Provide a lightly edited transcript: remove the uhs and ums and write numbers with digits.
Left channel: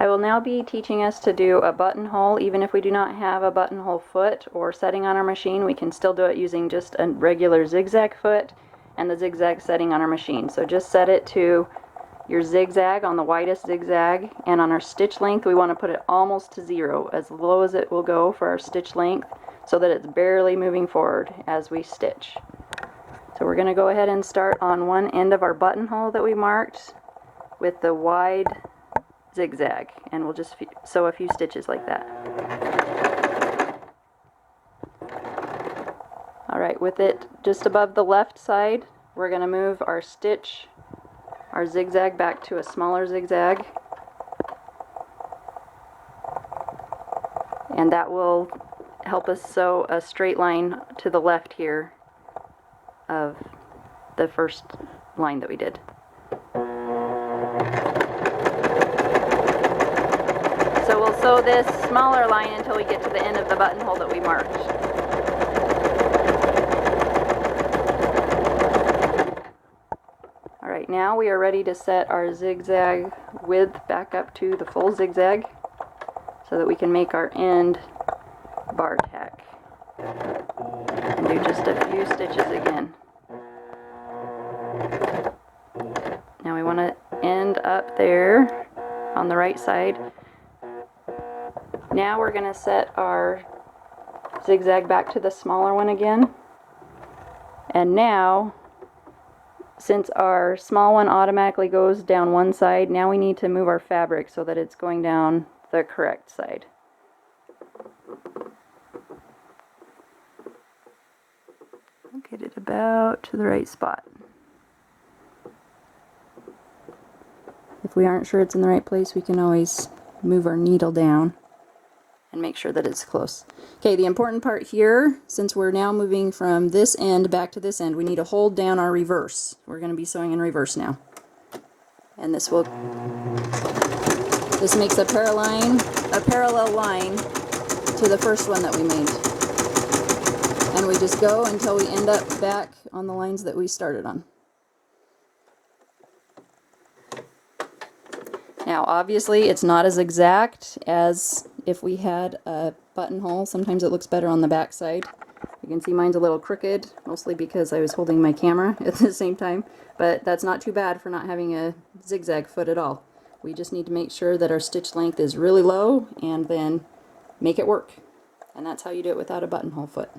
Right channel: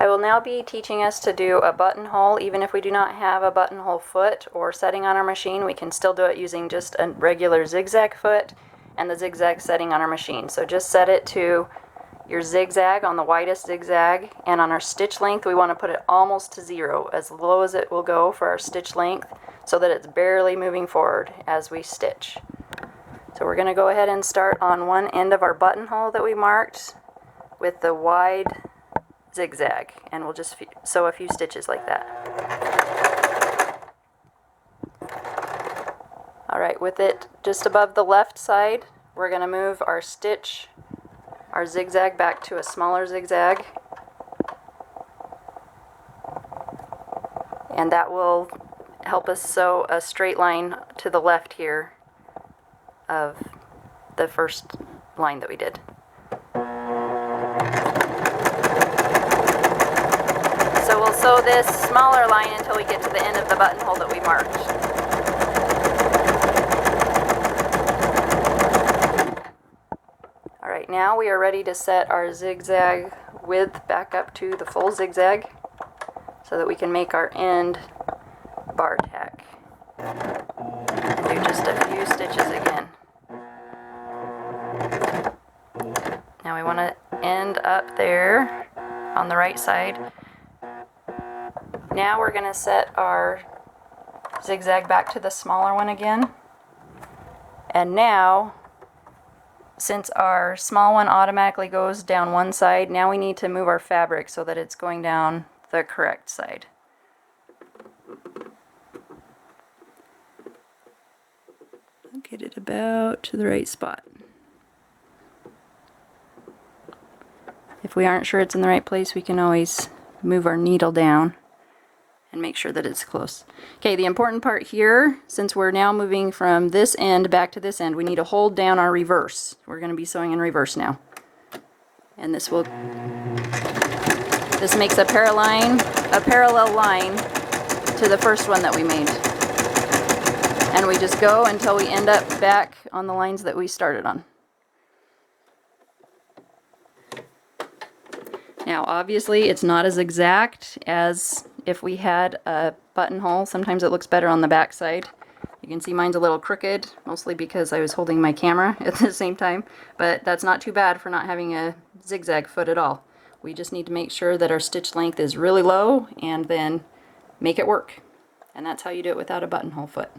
I will now be teaching us to do a buttonhole. Even if we do not have a buttonhole foot or setting on our machine, we can still do it using just a regular zigzag foot and the zigzag setting on our machine. So just set it to your zigzag on the widest zigzag, and on our stitch length we want to put it almost to 0, as low as it will go for our stitch length, so that it's barely moving forward as we stitch. So we're going to go ahead and start on one end of our buttonhole that we marked with the wide zigzag, and we'll just sew a few stitches like that. Alright, with it just above the left side, we're going to move our stitch, our zigzag, back to a smaller zigzag, and that will help us sew a straight line to the left here of the first line that we did. So we'll sew this smaller line until we get to the end of the buttonhole that we marked. Alright, now we are ready to set our zigzag width back up to the full zigzag so that we can make our end bar tack. And do just a few stitches again. Now we want to end up there on the right side. Now we're going to set our zigzag back to the smaller one again. And now, since our small one automatically goes down one side, now we need to move our fabric so that it's going down the correct side. Get it about to the right spot. If we aren't sure it's in the right place, we can always move our needle down and make sure that it's close. Okay, the important part here, since we're now moving from this end back to this end, we need to hold down our reverse. We're going to be sewing in reverse now. And this makes a parallel line to the first one that we made. And we just go until we end up back on the lines that we started on. Now obviously it's not as exact as if we had a buttonhole. Sometimes it looks better on the back side. You can see mine's a little crooked, mostly because I was holding my camera at the same time, but that's not too bad for not having a zigzag foot at all. We just need to make sure that our stitch length is really low and then make it work. And that's how you do it without a buttonhole foot.